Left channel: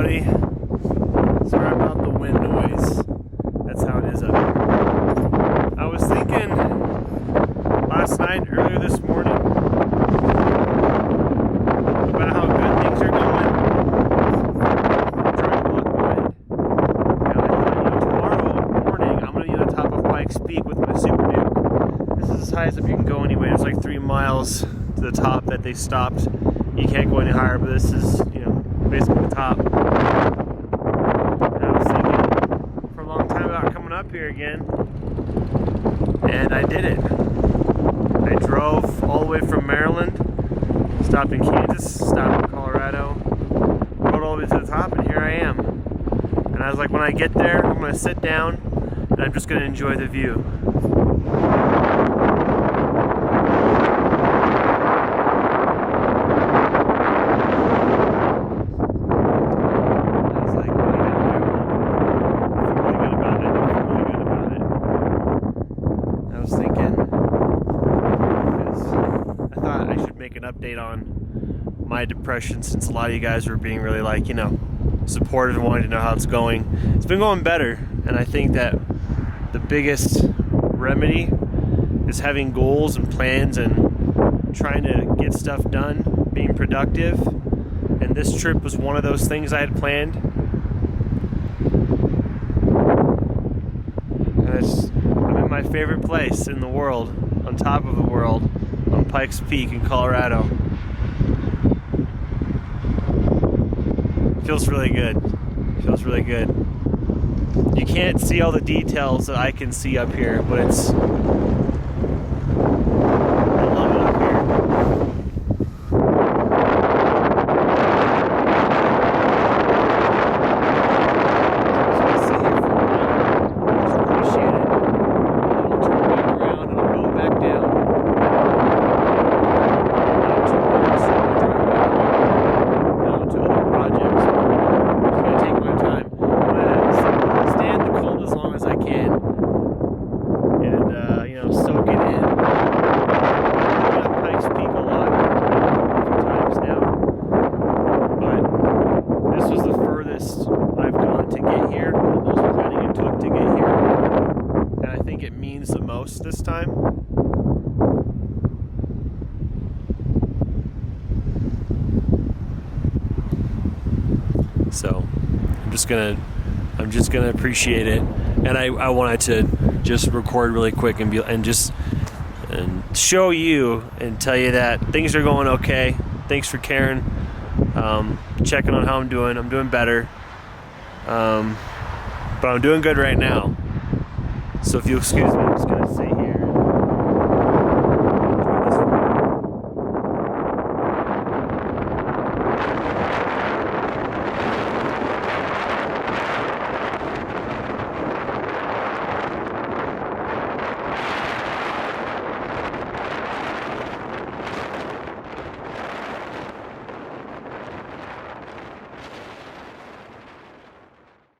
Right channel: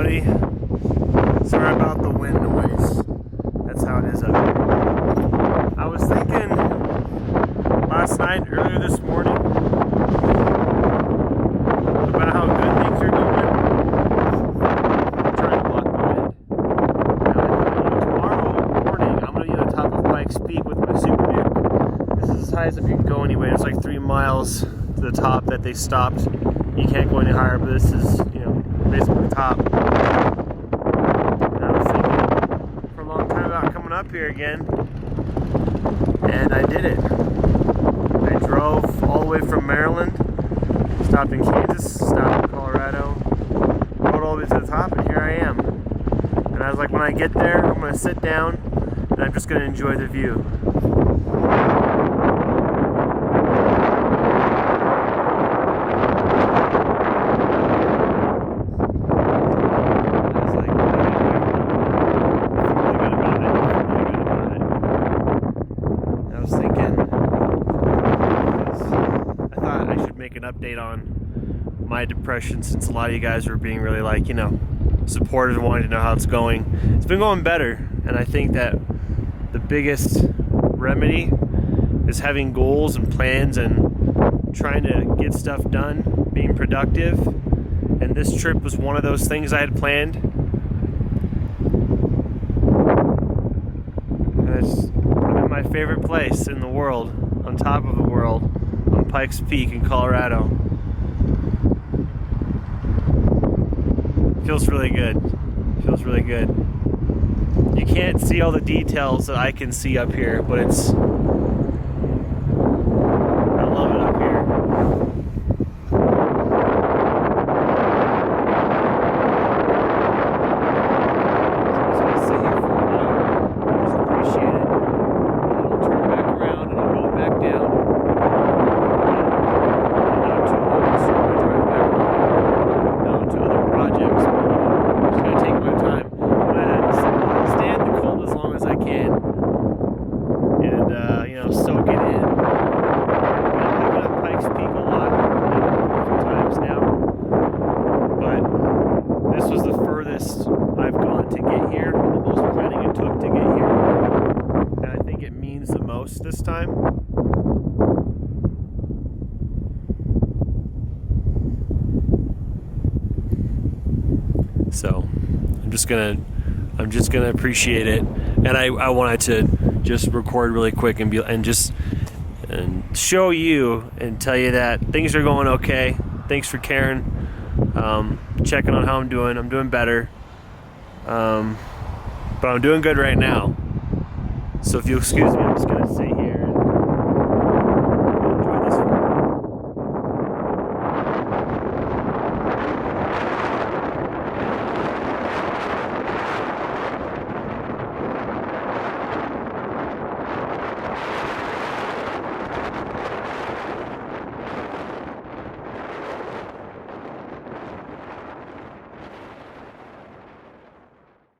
everybody. Sorry about the wind noise. That's how it is up here. I was thinking earlier this morning, about how good things are going. I'm trying to block the wind. And I thought, tomorrow morning I'm going to be on the top of Pikes Peak with my Super Duke. This is as high as you can go anyway. There's like 3 miles to the top that they stopped. You can't go any higher, but this is, basically the top. And I was thinking for a long time about coming up here again, and I did it. I drove all the way from Maryland, stopped in Kansas, stopped in Colorado, rode all the way to the top, and here I am. And I was like, when I get there, I'm going to sit down, and I'm just going to enjoy the view. Make an update on my depression, since a lot of you guys were being really supportive and wanting to know how it's going. It's been going better, and I think that the biggest remedy is having goals and plans and trying to get stuff done, being productive. And this trip was one of those things I had planned. And I'm in my favorite place in the world, on top of the world, on Pikes Peak in Colorado. Feels really good. Feels really good. You can't see all the details that I can see up here, but I love it up here. So I'm just gonna sit here for a while and just appreciate it. And then I'll turn back around and I'll go back down. Soak it in. I've been up Pikes Peak a lot, a few times now, but this was the furthest I've gone to get here, and the most planning it took to get here, and I think it means the most this time. So I'm just gonna appreciate it, and I wanted to just record really quick and show you and tell you that things are going okay. Thanks for caring, checking on how I'm doing. I'm doing better, but I'm doing good right now. So if you'll excuse me, I'm just gonna sit here.